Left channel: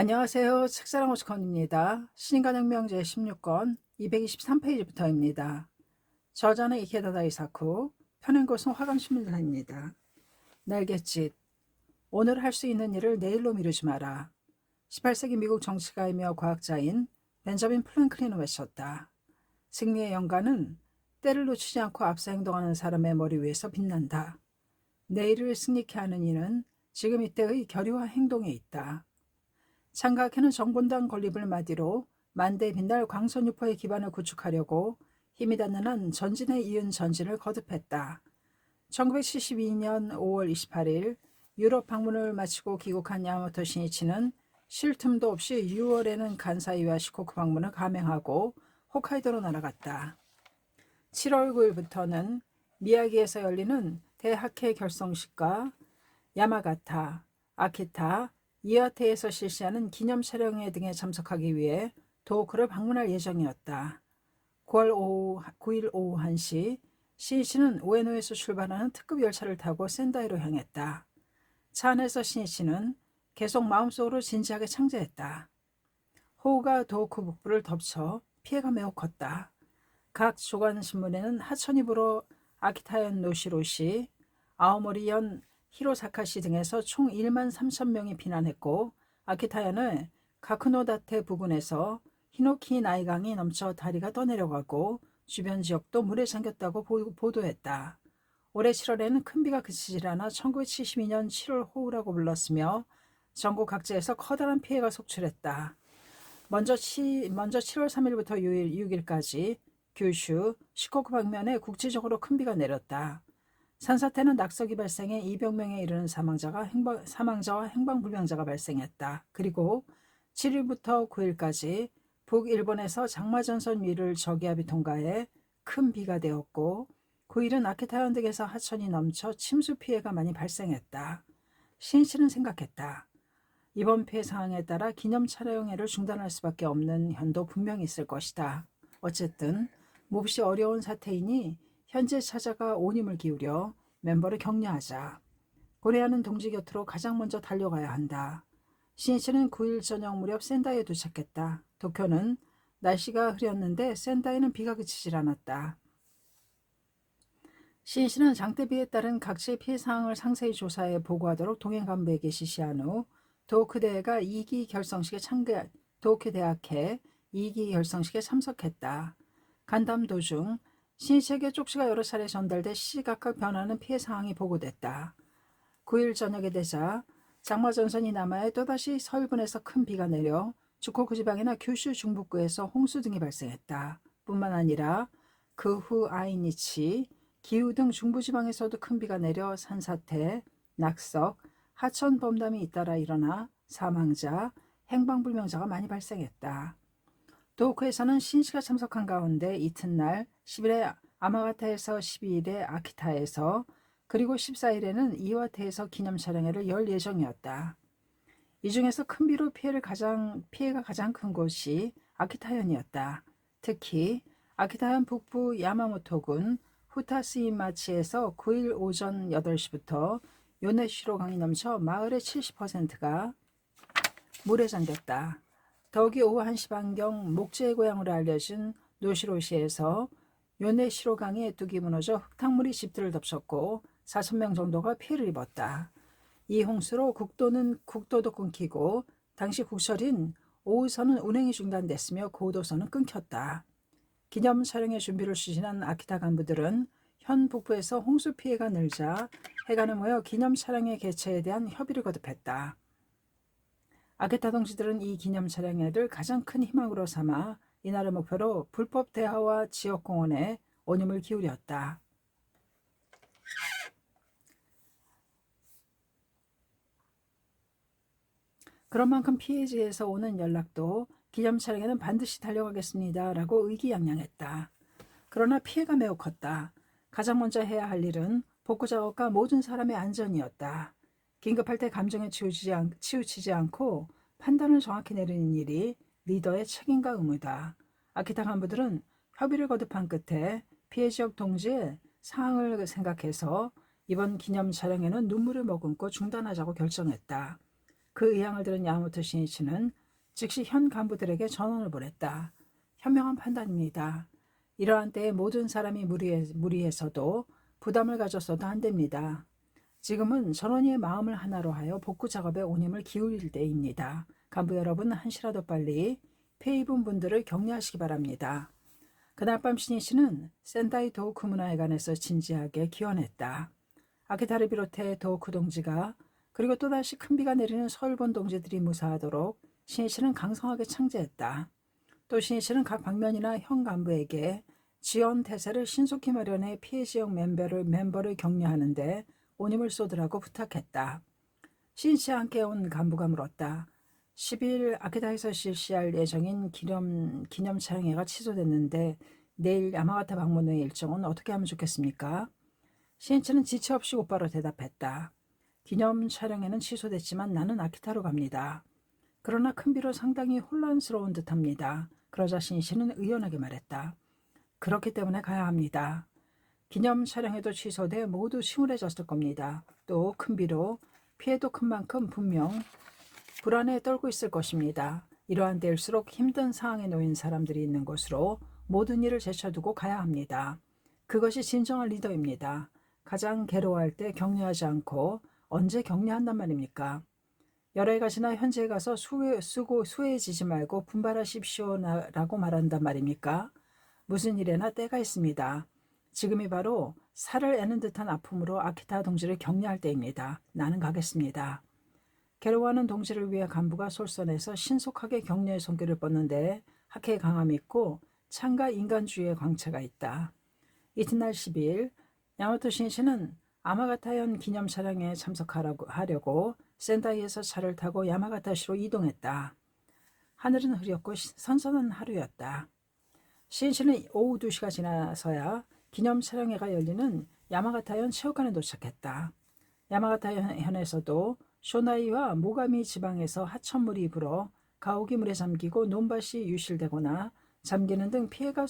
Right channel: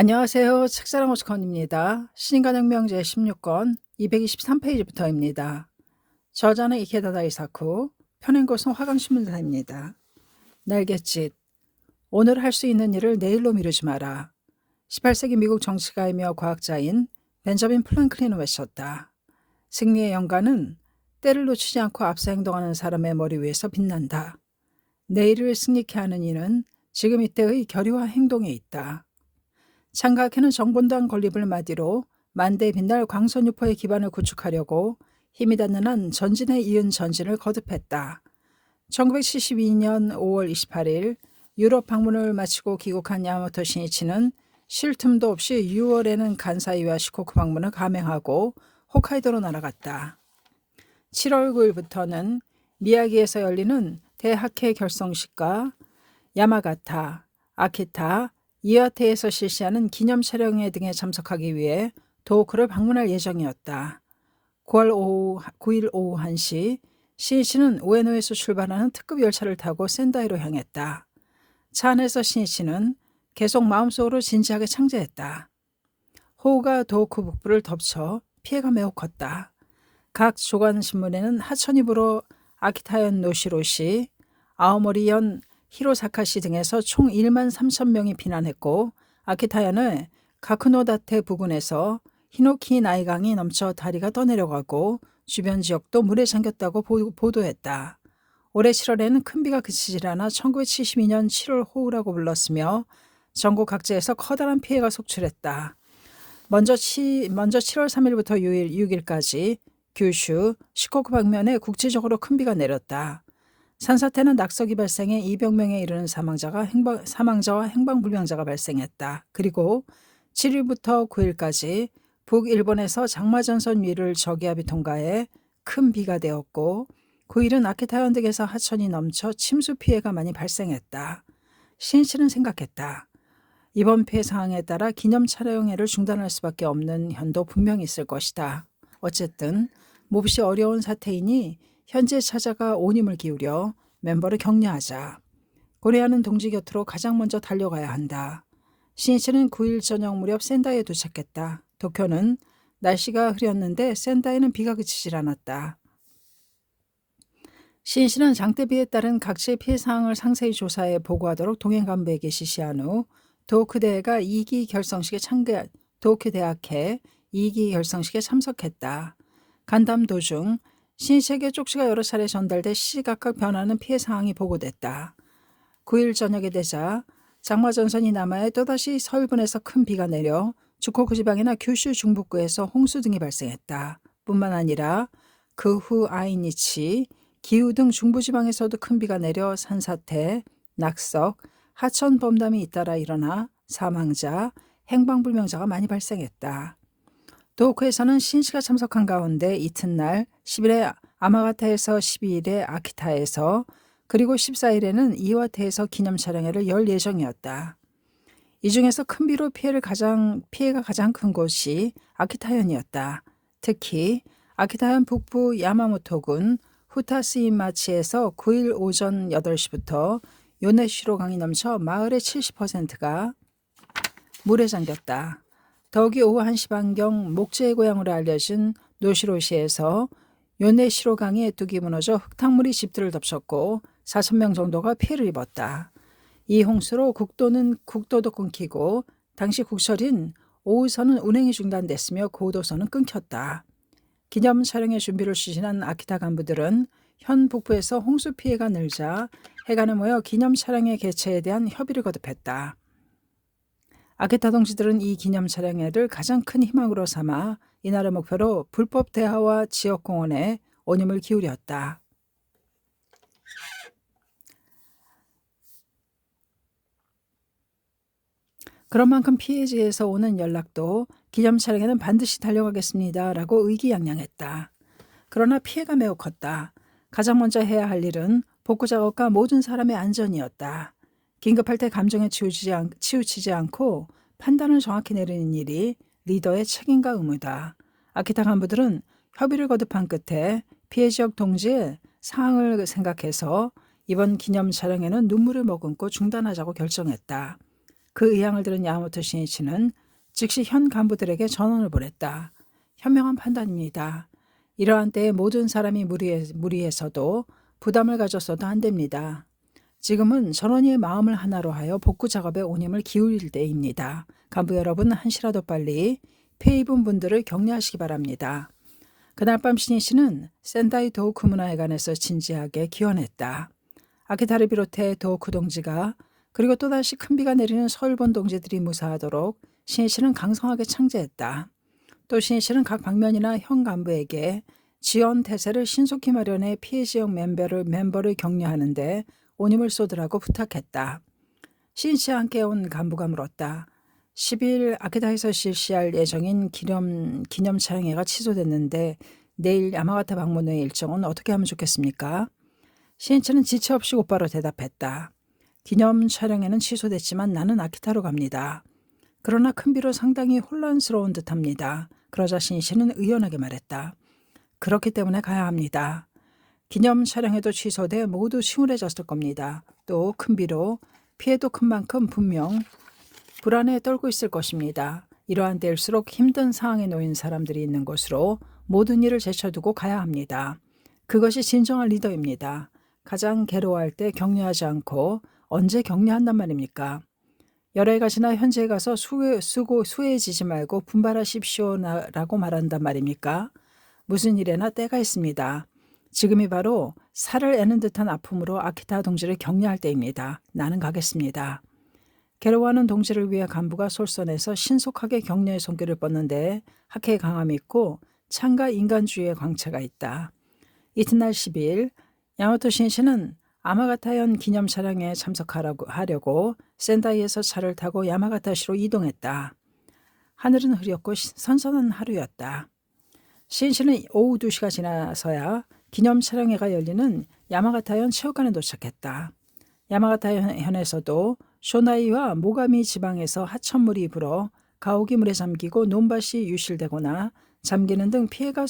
안녕하세요. 책사랑 오스컨입니다. 신간혁명 제16권 223페이지부터입니다. 저자는 이케다다 이사쿠, 펴낸 곳은 화강신문사입니다. 날갯짓, 오늘 할 수 있는 일을 내일로 미루지 마라. 18세기 미국 정치가이며 과학자인 벤저민 플랭클린은 외쳤다. 승리의 영광은 때를 놓치지 않고 앞서 행동하는 사람의 머리 위에서 빛난다. 내일을 승리케 하는 이는 지금 이때의 결의와 행동에 있다. 창각해는 정본당 건립을 마디로 만대에 빛날 광선유포의 기반을 구축하려고 힘이 닿는 한 전진에 이은 전진을 거듭했다. 1972년 5월 28일 유럽 방문을 마치고 귀국한 야마모토 신이치는 쉴 틈도 없이 6월에는 간사이와 시코쿠 방문을 감행하고 홋카이도로 날아갔다. 7월 9일부터는 미야기에서 열리는 대학회 결성식과 야마가타, 아키타, 이와테에서 실시하는 기념 촬영회 등에 참석하기 위해 도호쿠를 방문할 예정이었다. 9일 오후 1시 신이치는 우에노에서 출발하는 특급 열차를 타고 센다이로 향했다. 차 안에서 신이치는 계속 마음속으로 진지하게 창제했다. 호우가 도호쿠 북부를 덮쳐 피해가 매우 컸다. 각 조간신문에는 하천이 불어 아키타현 노시로시, 아오모리현 히로사카시 등에서 총 1만 3천 명이 피난했고 아키타현의 가쿠노다테 부근에서 히노키 나이강이 넘쳐 다리가 떠내려가고 주변 지역도 물에 잠겼다고 보도했다. 올해 7월에는 큰 비가 그치질 않아 1972년 7월 호우라고 불렀으며 전국 각지에서 커다란 피해가 속출했다. 먼저 7월 3일부터 6일까지 규슈, 시코쿠 방면에 국지적으로 큰 비가 내렸다. 산사태는 낙석이 발생해 200명에 이르는 사망자와 행방불명자가 발생했다. 그리고 7일부터 9일까지 북일본에서 장마전선 위를 저기압이 통과해 큰 비가 되었고 9일은 아키타현 등에서 하천이 넘쳐 침수 피해가 많이 발생했다. 신이치는 생각했다. 이번 피해 상황에 따라 기념 촬영회를 중단할 수밖에 없는 현도 분명히 있을 것이다. 어쨌든 몹시 어려운 사태이니 현지에 찾아가 온 힘을 기울여 멤버를 격려하자. 고려하는 동지 곁으로 가장 먼저 달려가야 한다. 신이치는 9일 저녁 무렵 센다이에 도착했다. 도쿄는 날씨가 흐렸는데 센다이는 비가 그치질 않았다. 신이치는 장대비에 따른 각지의 피해 상황을 상세히 조사해 보고하도록 동행 간부에게 지시한 후 도쿄대학회 2기 결성식에 참석했다. 간담 도중 신이치에게 쪽지가 여러 차례 전달돼 시시각각 변하는 피해 상황이 보고됐다. 9일 저녁이 되자 장마전선이 남하해 또다시 서일본에서 큰 비가 내려 주코쿠 지방이나 규슈 중북부에서 홍수 등이 발생했다. 뿐만 아니라 그 후 아이니치, 기후 등 중부지방에서도 큰 비가 내려 산사태, 낙석, 하천 범람이 잇따라 일어나 사망자, 행방불명자가 많이 발생했다. 도호쿠에서는 신이치가 참석한 가운데 이튿날 10일에 아마가타에서 12일에 아키타에서 그리고 14일에는 이와테에서 기념 촬영회를 열 예정이었다. 이 중에서 큰 비로 피해가 가장 큰 곳이 아키타현이었다. 특히 아키타현 북부 야마모토군 후타스이마치에서 9일 오전 8시부터 요네시로 강이 넘쳐 마을의 70%가 물에 잠겼다. 더욱이 오후 1시 반경 목재의 고향으로 알려진 노시로시에서 요네시로 강의 뚝이 무너져 흙탕물이 집들을 덮쳤고 4,000명 정도가 피해를 입었다. 이 홍수로 국도도 끊기고 당시 국철인 오후선은 운행이 중단됐으며 고도선은 끊겼다. 기념 촬영의 준비를 추진한 아키타 간부들은 현 북부에서 홍수 피해가 늘자 해관에 모여 기념 촬영회 개최에 대한 협의를 거듭했다. 아키타 동지들은 이 기념 촬영회를 가장 큰 희망으로 삼아 이날의 목표로 불법 대화와 지역공원에 온 힘을 기울였다. 그런 만큼 피해지에서 오는 연락도 기념 촬영에는 반드시 달려가겠습니다. 라고 의기양양했다. 그러나 피해가 매우 컸다. 가장 먼저 해야 할 일은 복구 작업과 모든 사람의 안전이었다. 긴급할 때 감정에 치우치지 않고 판단을 정확히 내리는 일이 리더의 책임과 의무다. 아키타 간부들은 협의를 거듭한 끝에 피해 지역 동지의 상황을 생각해서 이번 기념 촬영에는 눈물을 머금고 중단하자고 결정했다. 그 의향을 들은 야마모토 신이치는 즉시 현 간부들에게 전원을 보냈다. 현명한 판단입니다. 이러한 때에 모든 사람이 무리해서도 부담을 가졌어도 안 됩니다. 지금은 전원이의 마음을 하나로 하여 복구 작업에 온 힘을 기울일 때입니다. 간부 여러분, 한시라도 빨리 피해 입은 분들을 격려하시기 바랍니다. 그날 밤 신이치는 센다이 도우쿠 문화회관에서 진지하게 기원했다. 아키타를 비롯해 도우쿠 동지가 그리고 또다시 큰 비가 내리는 서울본 동지들이 무사하도록 신이치는 강성하게 창제했다. 또 신이치는 각 방면이나 현 간부에게 지원 태세를 신속히 마련해 피해 지역 멤버를 격려하는데 온 힘을 쏟으라고 부탁했다. 신이치와 함께 온 간부가 물었다. 10일 아키타에서 실시할 예정인 기념 촬영회가 취소됐는데 내일 야마가타 방문의 일정은 어떻게 하면 좋겠습니까? 신이치는 지체 없이 곧바로 대답했다. 기념 촬영회는 취소됐지만 나는 아키타로 갑니다. 그러나 큰 비로 상당히 혼란스러운 듯합니다. 그러자 신이치는 의연하게 말했다. 그렇기 때문에 가야 합니다. 기념 촬영회도 취소돼 모두 침울해졌을 겁니다. 또 큰 비로 피해도 큰 만큼 분명 불안에 떨고 있을 것입니다. 이러한 때일수록 힘든 상황에 놓인 사람들이 있는 곳으로 모든 일을 제쳐두고 가야 합니다. 그것이 진정한 리더입니다. 가장 괴로워할 때 격려하지 않고 언제 격려한단 말입니까? 여러 해가 지나 현재에 가서 수해지지 말고 분발하십시오라고 말한단 말입니까? 무슨 일에나 때가 있습니다. 지금이 바로 살을 애는 듯한 아픔으로 아키타 동지를 격려할 때입니다. 나는 가겠습니다. 괴로워하는 동지를 위해 간부가 솔선해서 신속하게 격려의 손길을 뻗는데 학회의 강함이 있고 창과 인간주의의 광채가 있다. 이튿날 10일 야마토 신이치는 아마가타현 기념 촬영에 참석하려고 센다이에서 차를 타고 야마가타시로 이동했다. 하늘은 흐렸고 선선한 하루였다. 신이치는 오후 2시가 지나서야 기념 촬영회가 열리는 야마가타현 체육관에 도착했다. 야마가타현에서도 쇼나이와 모가미 지방에서 하천물이 불어 가옥이 물에 잠기고 논밭이 유실되거나 잠기는 등 피해가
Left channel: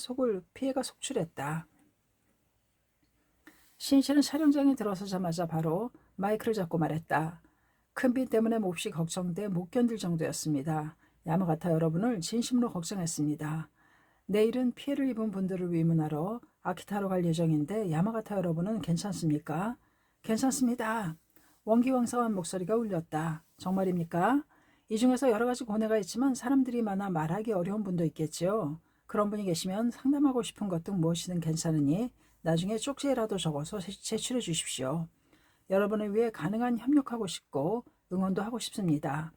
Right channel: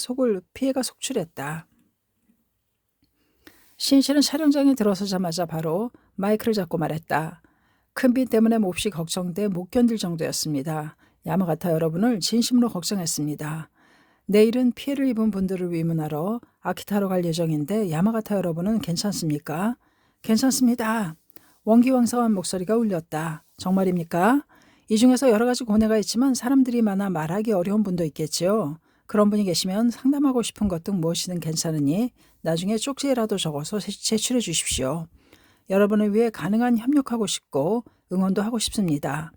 속출했다. 신이치는 촬영장에 들어서자마자 바로 마이크를 잡고 말했다. 큰 비 때문에 몹시 걱정돼 못 견딜 정도였습니다. 야마가타 여러분을 진심으로 걱정했습니다. 내일은 피해를 입은 분들을 위문하러 아키타로 갈 예정인데 야마가타 여러분은 괜찮습니까? 괜찮습니다. 원기왕성한 목소리가 울렸다. 정말입니까? 이 중에서 여러 가지 고뇌가 있지만 사람들이 많아 말하기 어려운 분도 있겠지요. 그런 분이 계시면 상담하고 싶은 것 등 무엇이든 괜찮으니 나중에 쪽지에라도 적어서 제출해 주십시오. 여러분을 위해 가능한 협력하고 싶고 응원도 하고 싶습니다.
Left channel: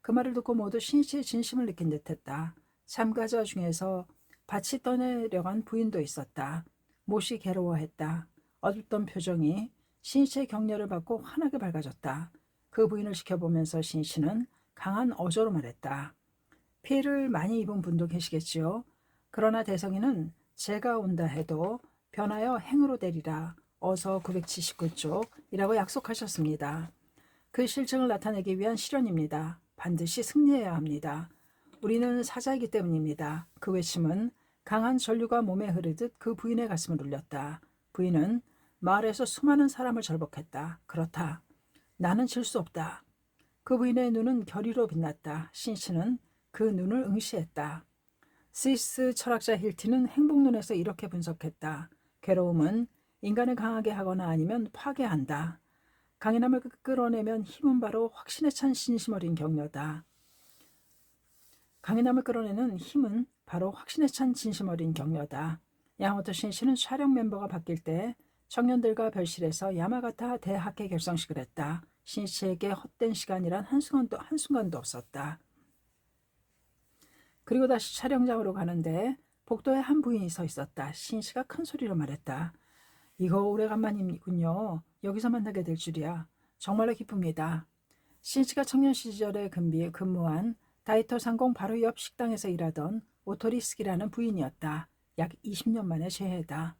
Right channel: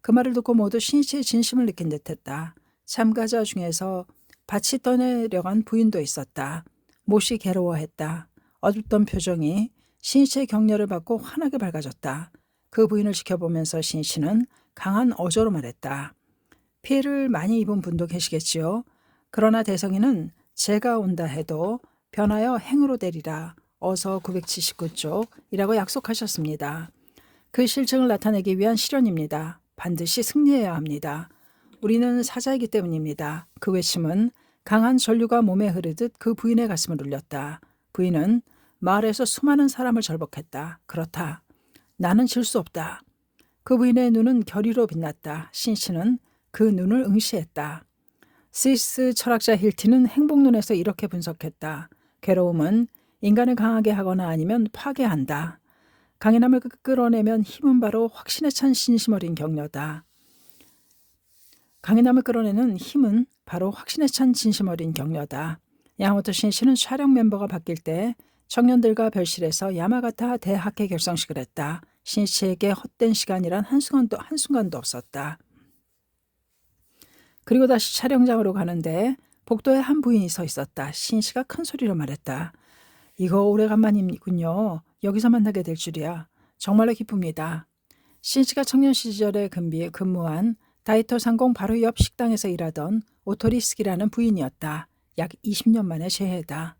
그 말을 듣고 모두 신이치의 진심을 느낀 듯했다. 참가자 중에서 밭이 떠내려간 부인도 있었다. 몹시 괴로워했다. 어둡던 표정이 신이치의 격려를 받고 환하게 밝아졌다. 그 부인을 지켜보면서 신이치는 강한 어조로 말했다. 피해를 많이 입은 분도 계시겠지요. 그러나 대성이는 제가 온다 해도 변하여 행으로 되리라. 어서 979쪽이라고 약속하셨습니다. 그 실증을 나타내기 위한 실현입니다. 반드시 승리해야 합니다. 우리는 사자이기 때문입니다. 그 외침은 강한 전류가 몸에 흐르듯 그 부인의 가슴을 울렸다. 부인은 마을에서 수많은 사람을 절복했다. 그렇다. 나는 질 수 없다. 그 부인의 눈은 결의로 빛났다. 신이치는 그 눈을 응시했다. 스위스 철학자 힐티는 행복론에서 이렇게 분석했다. 괴로움은 인간을 강하게 하거나 아니면 파괴한다. 강인함을 끌어내면 힘은 바로 확신에 찬 진심 어린 격려다. 강인함을 끌어내는 힘은 바로 확신에 찬 진심 어린 격려다. 야마모토 신이치는 촬영 멤버가 바뀔 때 청년들과 별실에서 야마가타 대학회 결성식을 했다. 신이치에게 헛된 시간이란 한순간도 없었다. 그리고 다시 촬영장으로 가는데 복도에 한 부인이 서 있었다. 신이치가 큰 소리로 말했다. 이거 오래간만이군요. 여기서 만나게 될 줄이야. 정말로 기쁩니다. 신이치가 청년 시절에 근무한 다이토 상공 바로 옆 식당에서 일하던 오토리스키라는 부인이었다. 약 20년 만의 재해다.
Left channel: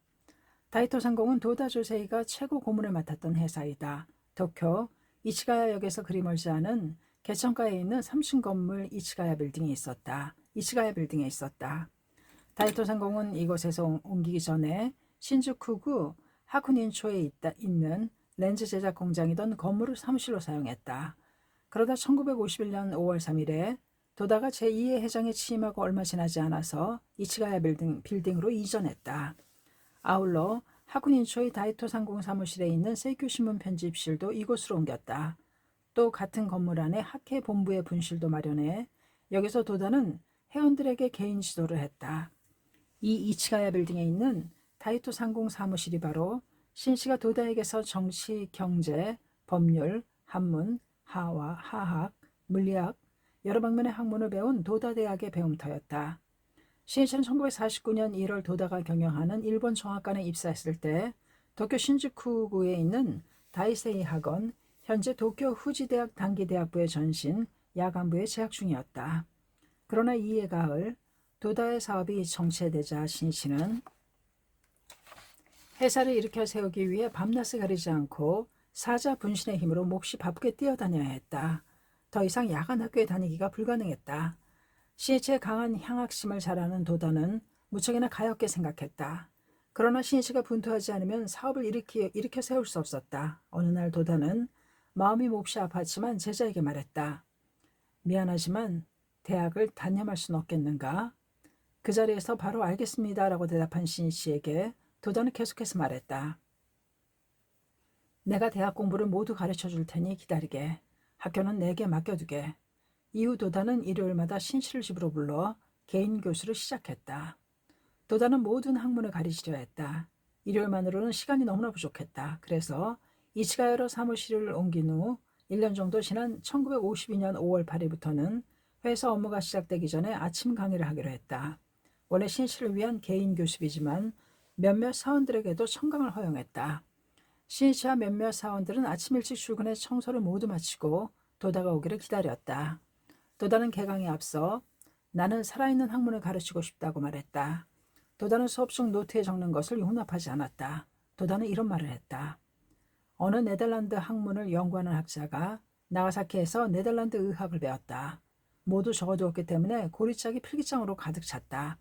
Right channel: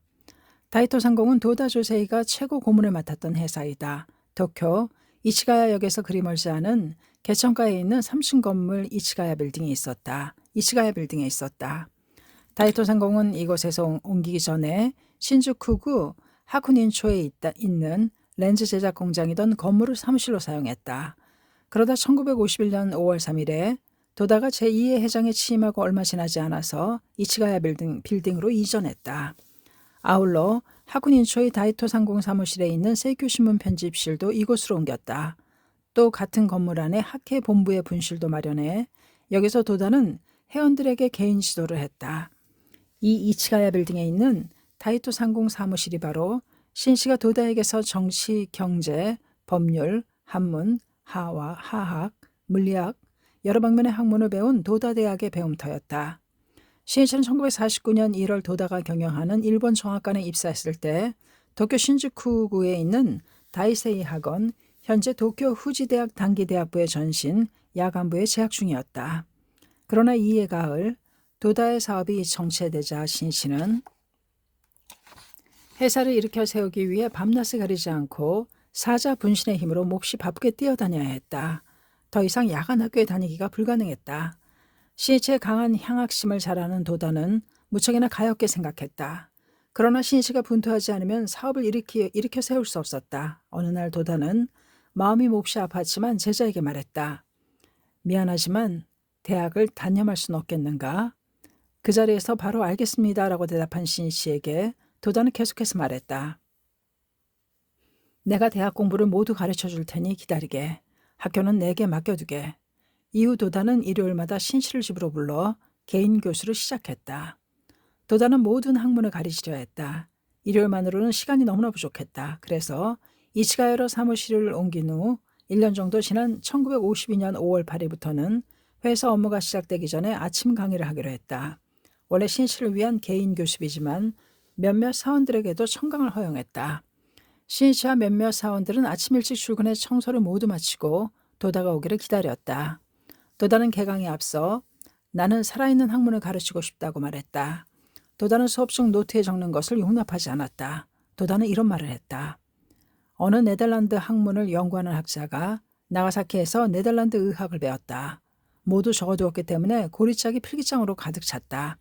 다이토 상공은 도다 조세이가 최고 고문을 맡았던 회사이다. 도쿄 이치가야역에서 그리 멀지 않은 개천가에 있는 3층 건물 이치가야 빌딩에 있었다. 다이토 상공은 이곳에서 옮기기 전에 신주쿠구 하쿠닌초에 있는 렌즈 제작 공장이던 건물을 사무실로 사용했다. 그러다 1951년 5월 3일에 도다가 제2의 회장에 취임하고 얼마 지나지 않아서 이치가야 빌딩으로 이전했다. 아울러 하군 인초의 다이토 상공 사무실에 있는 세이큐 신문 편집실도 이곳으로 옮겼다. 또 같은 건물 안에 학회 본부의 분실도 마련해 여기서 도다는 회원들에게 개인 지도를 했다. 이 이치가야 빌딩에 있는 다이토 상공 사무실이 바로 신씨가 도다에게서 정치, 경제, 법률, 한문, 하와, 화학, 물리학, 여러 방면의 학문을 배운 도다 대학의 배움터였다. 신씨는 1949년 1월 도다가 경영하는 일본 정학관에 입사했을 때 도쿄 신주쿠구에 있는 다이세이 학원, 현재 도쿄 후지대학 단기대학부의 전신 야간부에 재학 중이었다. 그러나 이해 가을 도다의 사업이 정체되자 신씨는 회사를 일으켜 세우기 위해 밤낮을 가리지 않고 사자 분신의 힘으로 몹시 바쁘게 뛰어다녀야 했다. 더 이상 야간 학교에 다니기가 불가능했다. 신씨의 강한 향악심을 잘 아는 도다는 무척이나 가엾게 생각했다. 그러나 신씨가 분투하지 않으면 사업을 일으켜 세울 수 없었다. 어느 날 도다는 마음이 몹시 아팠지만 제자에게 말했다. 미안하지만 대학을 단념할 수는 없겠는가? 그 자리에서 바로 알겠습니다 라고 대답한 신씨에게 도다는 계속해서 말했다. 내가 대학 공부를 모두 가르쳐 줄 테니 기다리게. 학교는 내게 맡겨두게. 이후 도다는 일요일마다 신씨를 집으로 불러 개인 교수를 시작했다. 도다는 모든 학문을 가르치려 했다. 일요일만으로는 시간이 너무나 부족했다. 그래서 이치가야로 사무실을 옮긴 후 1년 정도 지난 1952년 5월 8일부터는 회사 업무가 시작되기 전에 아침 강의를 하기로 했다. 원래 신씨를 위한 개인 교습이지만 몇몇 사원들에게도 청강을 허용했다. 신씨와 몇몇 사원들은 아침 일찍 출근해 청소를 모두 마치고 도다가 오기를 기다렸다. 도다는 개강에 앞서 나는 살아있는 학문을 가르치고 싶다고 말했다. 도다는 수업 중 노트에 적는 것을 용납하지 않았다. 도다는 이런 말을 했다. 어느 네덜란드 학문을 연구하는 학자가 나가사키에서 네덜란드 의학을 배웠다. 모두 적어두었기 때문에 고리짝이 필기장으로 가득 찼다.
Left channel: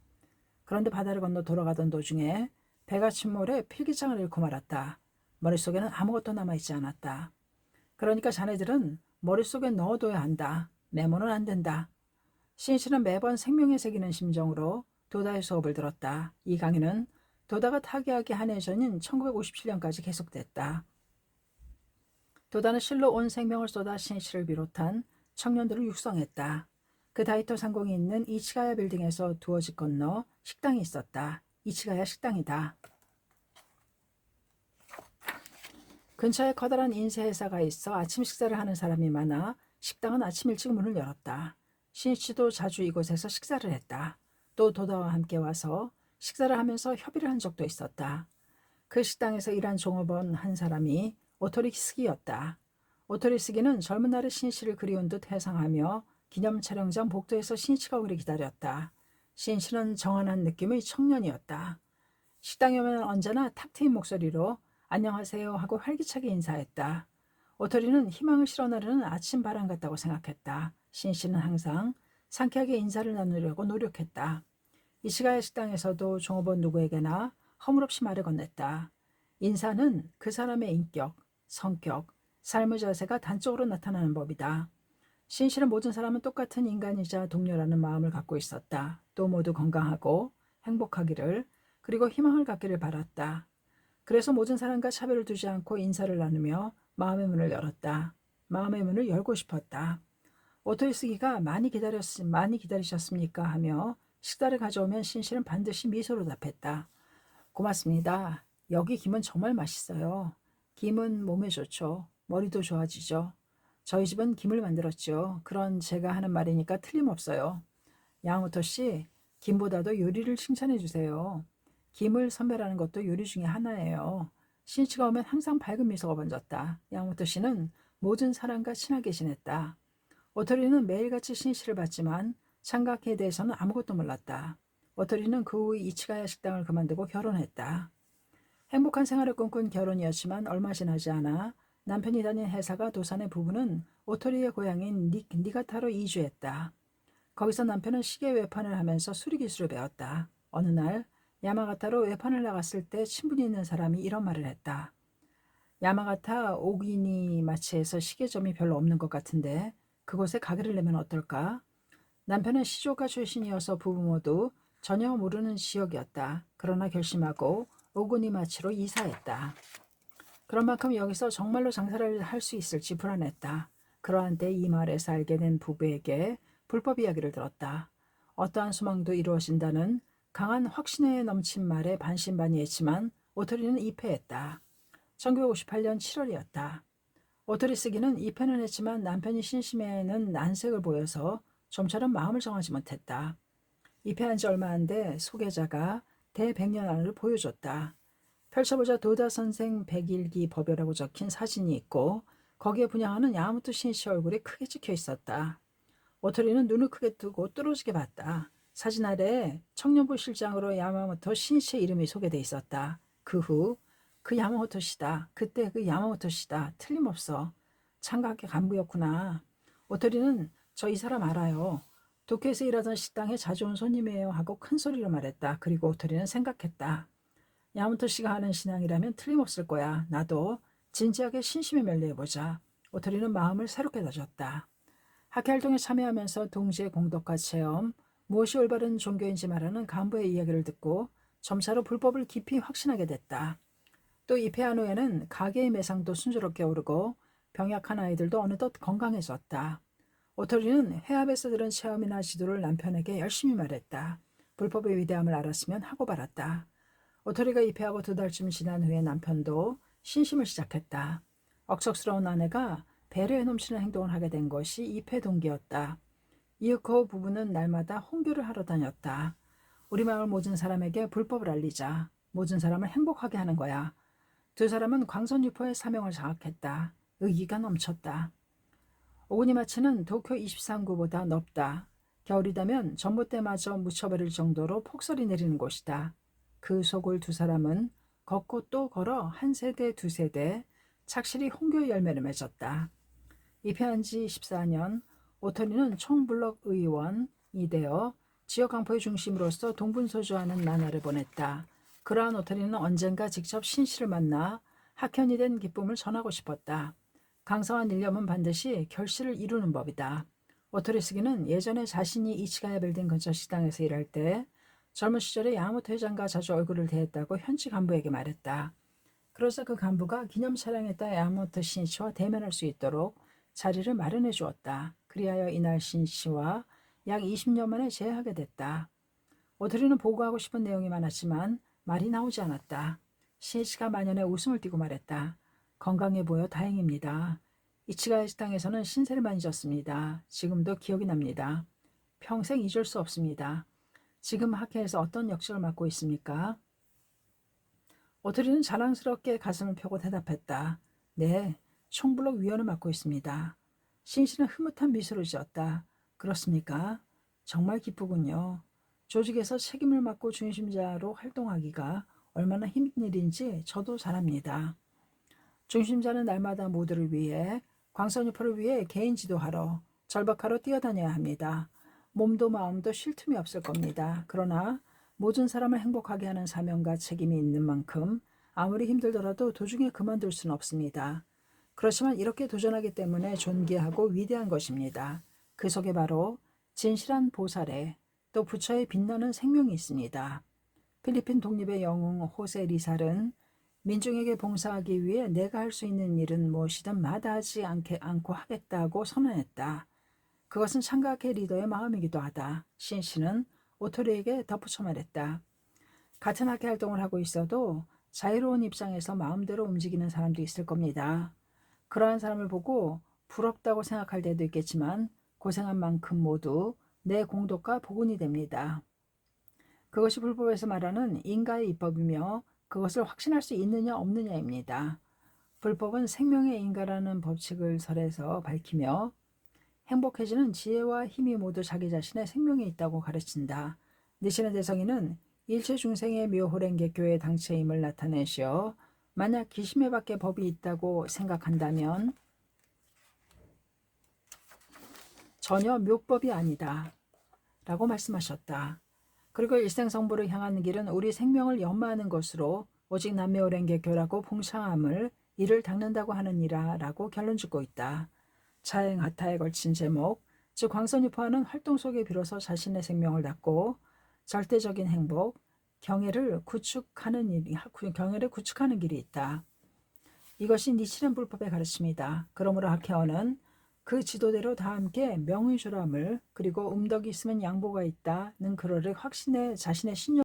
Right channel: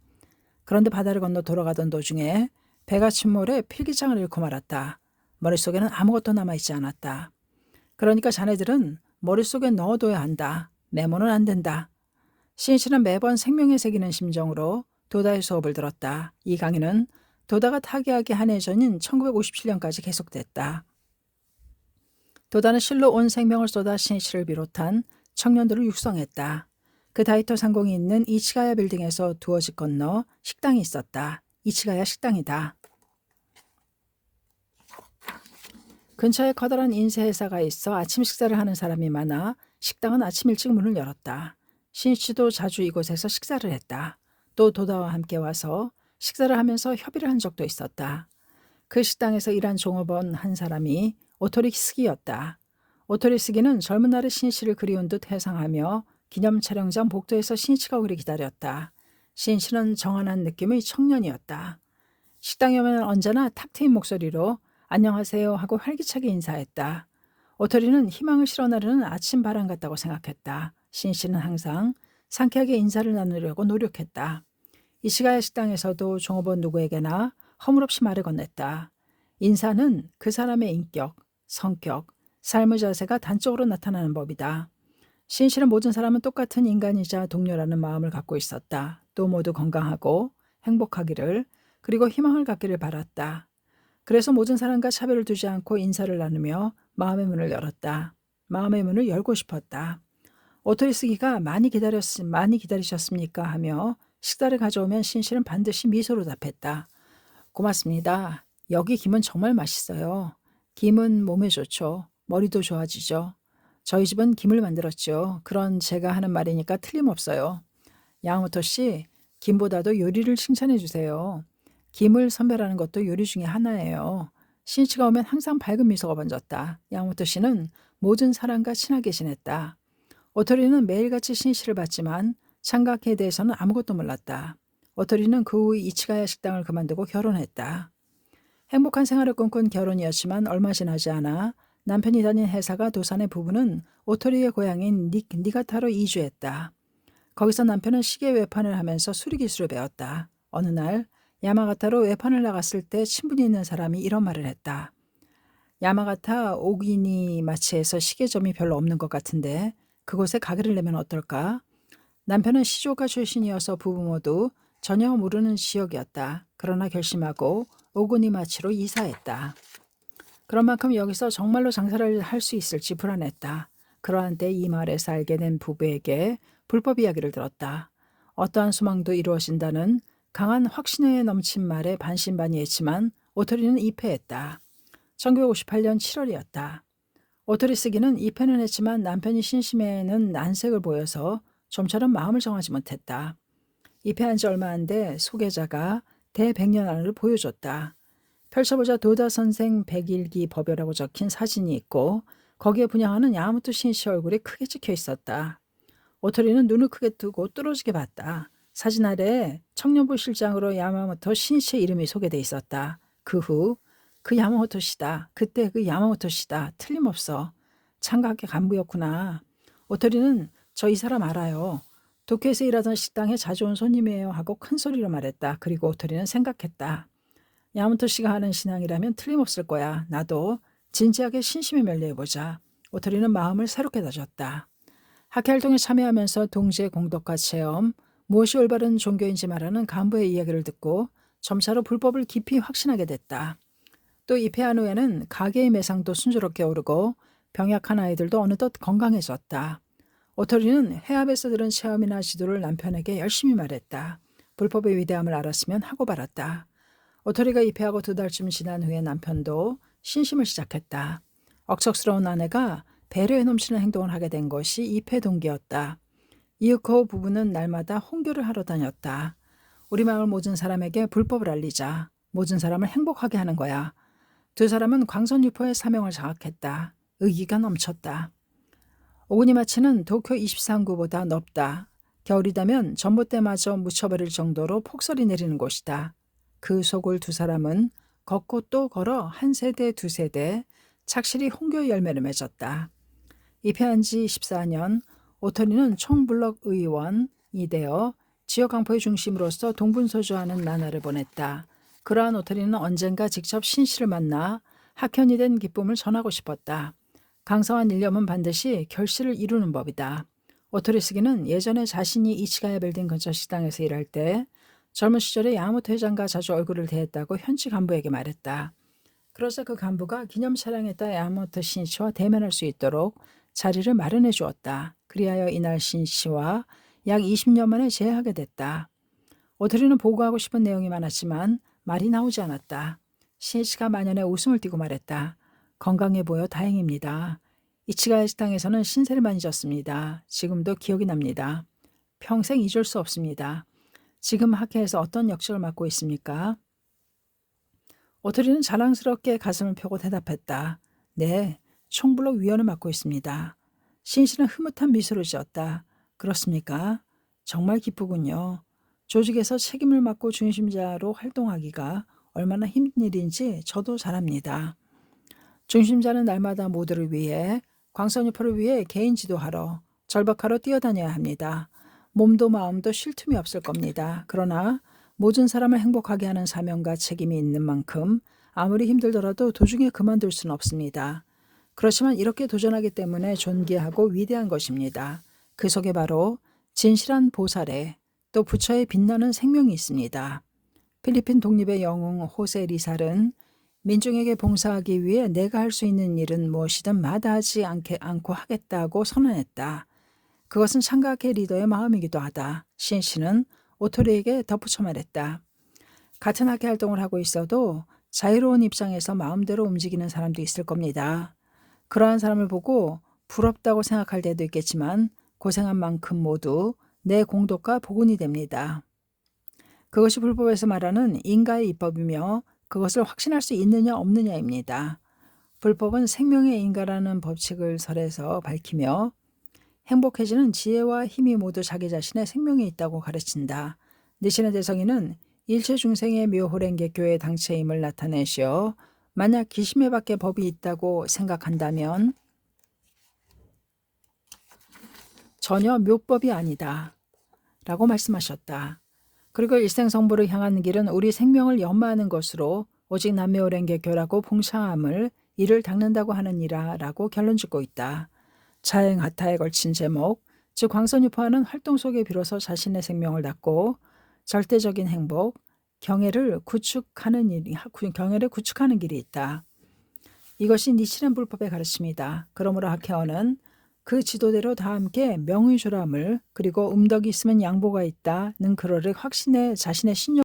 그런데 바다를 건너 돌아가던 도중에 배가 침몰해 필기장을 잃고 말았다. 머릿속에는 아무것도 남아있지 않았다. 그러니까 자네들은 머릿속에 넣어둬야 한다. 메모는 안 된다. 신씨는 매번 생명에 새기는 심정으로 도다의 수업을 들었다. 이 강의는 도다가 타계하기 한 해 전인 1957년까지 계속됐다. 도다는 실로 온 생명을 쏟아 신씨를 비롯한 청년들을 육성했다. 그 다이토 상공이 있는 이치가야 빌딩에서 두어 집 건너 식당이 있었다. 이치가야 식당이다. 근처에 커다란 인쇄회사가 있어 아침 식사를 하는 사람이 많아 식당은 아침 일찍 문을 열었다. 신씨도 자주 이곳에서 식사를 했다. 또 도다와 함께 와서 식사를 하면서 협의를 한 적도 있었다. 그 식당에서 일한 종업원 한 사람이 오토리 스기였다. 오토리 스기는 젊은 날의 신씨를 그리운 듯 회상하며 기념 촬영장 복도에서 신씨가 오기를 기다렸다. 신씨는 정한한 느낌의 청년이었다. 식당에 오면 언제나 탁 트인 목소리로 안녕하세요 하고 활기차게 인사했다. 오토리는 희망을 실어나르는 아침 바람 같다고 생각했다. 신씨는 항상 상쾌하게 인사를 나누려고 노력했다. 이치가야 식당에서도 종업원 누구에게나 허물없이 말을 건넸다. 인사는 그 사람의 인격, 성격, 삶의 자세가 단적으로 나타나는 법이다. 신씨는 모든 사람은 똑같은 인간이자 동료라는 마음을 갖고 있었다. 또 모두 건강하고 행복하기를 그리고 희망을 갖기를 바랐다. 그래서 모든 사람과 차별을 두지 않고 인사를 나누며 마음의 문을 열었다. 마음의 문을 열고 싶었다. 오토리 스기가 많이 기다리셨습니까? 하며 식사를 가져오면 신씨는 반드시 미소로 답했다. 고맙습니다. 여기 김은 정말 맛있어요. 김은 몸에 좋죠. 머리도 좋아지죠. 저희 집은 김을 만들었죠. 그런 제가 하는 말이니까 틀림없어요. 양호토 씨, 김보다도 요리를 칭찬해 주세요. 김을 선별하는 것도 요리 중에 하나예요. 신씨가 오면 항상 밝은 미소가 번졌다. 양호토 씨는 모든 사람과 친하게 지냈다. 오토리는 매일같이 신씨를 봤지만 창각에 대해서는 아무것도 몰랐다. 오토리는 그 후 이치가야 식당을 그만두고 결혼했다. 행복한 생활을 꿈꾼 결혼이었지만 얼마 지나지 않아 남편이 다닌 회사가 도산의 부부는 오토리의 고향인 니가타로 이주했다. 거기서 남편은 시계 외판을 하면서 수리기술을 배웠다. 어느 날 야마가타로 외판을 나갔을 때 친분이 있는 사람이 이런 말을 했다. 야마가타 오기니마치에서 시계점이 별로 없는 것 같은데 그곳에 가게를 내면 어떨까? 남편은 시조가 출신이어서 부부 모두 전혀 모르는 지역이었다. 그러나 결심하고 오구니마치로 이사했다. 그런 만큼 여기서 정말로 장사를 할 수 있을지 불안했다. 그러한 때 이 마을에서 알게 된 부부에게 불법 이야기를 들었다. 어떠한 소망도 이루어진다는 강한 확신에 넘친 말에 반신반의했지만 오토리는 입회했다. 1958년 7월이었다. 오토리 쓰기는 입회는 했지만 남편이 신심에는 난색을 보여서 좀처럼 마음을 정하지 못했다. 입회한 지 얼마 안 돼 소개자가 대백년안을 보여줬다. 펼쳐보자 도다 선생 백일기 법요라고 적힌 사진이 있고 거기에 분양하는 야마토 신씨 얼굴이 크게 찍혀 있었다. 오토리는 눈을 크게 뜨고 뚫어지게 봤다. 사진 아래에 청년부 실장으로 야마모토 신씨의 이름이 소개돼 있었다. 그 후 그 야마모토 씨다. 그때 그 야마모토 씨다. 틀림없어. 창가학교 간부였구나. 오토리는 저 이 사람 알아요. 도쿄에서 일하던 식당에 자주 온 손님이에요 하고 큰 소리로 말했다. 그리고 오토리는 생각했다. 야마모토 씨가 하는 신앙이라면 틀림없을 거야. 나도 진지하게 신심에 면례해보자. 오토리는 마음을 새롭게 다졌다. 학회활동에 참여하면서 동지의 공덕과 체험, 무엇이 올바른 종교인지 말하는 간부의 이야기를 듣고 점차로 불법을 깊이 확신하게 됐다. 또 입회한 후에는 가게의 매상도 순조롭게 오르고 병약한 아이들도 어느덧 건강해졌다. 오토리는 해압에서 들은 체험이나 지도를 남편에게 열심히 말했다. 불법의 위대함을 알았으면 하고 말았다. 오토리가 입회하고 2달쯤 지난 후에 남편도 신심을 시작했다. 억척스러운 아내가 배려에 넘치는 행동을 하게 된 것이 입회 동기였다. 이윽고 부부는 날마다 홍교를 하러 다녔다. 우리 마을 모든 사람에게 불법을 알리자. 모든 사람을 행복하게 하는 거야. 두 사람은 광선유포의 사명을 장악했다. 의기가 넘쳤다. 오구니마치는 도쿄 23구보다 넓다. 겨울이다면 전봇대마저 묻혀버릴 정도로 폭설이 내리는 곳이다. 그 속을 두 사람은 걷고 또 걸어 한 세대 두 세대 착실히 홍교의 열매를 맺었다. 입회한 지 14년 오토리는 총블럭 의원이 되어 지역 강포의 중심으로서 동분서주하는 나날을 보냈다. 그러한 오토리는 언젠가 직접 신씨를 만나 학현이 된 기쁨을 전하고 싶었다. 강성한 일념은 반드시 결실을 이루는 법이다. 오토리 스기는 예전에 자신이 이치가야 빌딩 근처 식당에서 일할 때 젊은 시절에 야마모토 회장과 자주 얼굴을 대했다고 현지 간부에게 말했다. 그러자 그 간부가 기념 촬영했다 야마모토 신씨와 대면할 수 있도록 자리를 마련해 주었다. 그리하여 이날 신씨와 약 20년 만에 재회하게 됐다. 오토리는 보고하고 싶은 내용이 많았지만 말이 나오지 않았다. 신씨가 만연해 웃음을 띠고 말했다. 건강해 보여 다행입니다. 이치가야 식당에서는 신세를 많이 졌습니다. 지금도 기억이 납니다. 평생 잊을 수 없습니다. 지금 학회에서 어떤 역직을 맡고 있습니까? 오토리는 자랑스럽게 가슴을 펴고 대답했다. 네, 총블록 위원을 맡고 있습니다. 신씨는 흐뭇한 미소를 지었다. 그렇습니까? 정말 기쁘군요. 조직에서 책임을 맡고 중심자로 활동하기가 얼마나 힘든 일인지 저도 잘 압니다. 중심자는 날마다 모두를 위해 광선유포를 위해 개인 지도하러 절박하러 뛰어다녀야 합니다. 몸도 마음도 쉴 틈이 없을 겁니다. 그러나 모든 사람을 행복하게 하는 사명과 책임이 있는 만큼 아무리 힘들더라도 도중에 그만둘 수는 없습니다. 그렇지만 이렇게 도전하기 때문에 존귀하고 위대한 것입니다. 그 속에 바로 진실한 보살에 또 부처의 빛나는 생명이 있습니다. 필리핀 독립의 영웅 호세 리살은 민중에게 봉사하기 위해 내가 할 수 있는 일은 무엇이든 마다하지 않고 하겠다고 선언했다. 그것은 창가학회 리더의 마음이기도 하다. 신씨는 오토리에게 덧붙여 말했다. 같은 학회 활동을 하고 있어도 자유로운 입장에서 마음대로 움직이는 사람도 있을 겁니다. 그러한 사람을 보고 부럽다고 생각할 때도 있겠지만 고생한 만큼 모두 내 공덕과 복운이 됩니다. 그것이 불법에서 말하는 인가의 입법이며 그것을 확신할 수 있느냐 없느냐입니다. 불법은 생명의 인가라는 법칙을 설에서 밝히며 행복해지는 지혜와 힘이 모두 자기 자신의 생명에 있다고 가르친다. 니시네 대성이는 일체 중생의 묘호랭개교의 당체임을 나타내시어 만약 기심에 밖에 법이 있다고 생각한다면 전혀 묘법이 아니다 라고 말씀하셨다. 그리고 일생성불을 향하는 길은 우리 생명을 연마하는 것으로 오직 남묘랭개교라고 봉창함을 이를 닦는다고 하느니라 라고 결론 짓고 있다. 자행하타에 걸친 제목, 즉 광선유파는 활동 속에 비로소 자신의 생명을 닦고 절대적인 행복, 경애를 구축하는 길이 있다. 이것이 니치렌 불법의 가르침이다. 그러므로 학회어는 그 지도대로 다 함께 명의조람을 그리고 음덕이 있으면 양보가 있다는 그러를 확신해 자신의 신용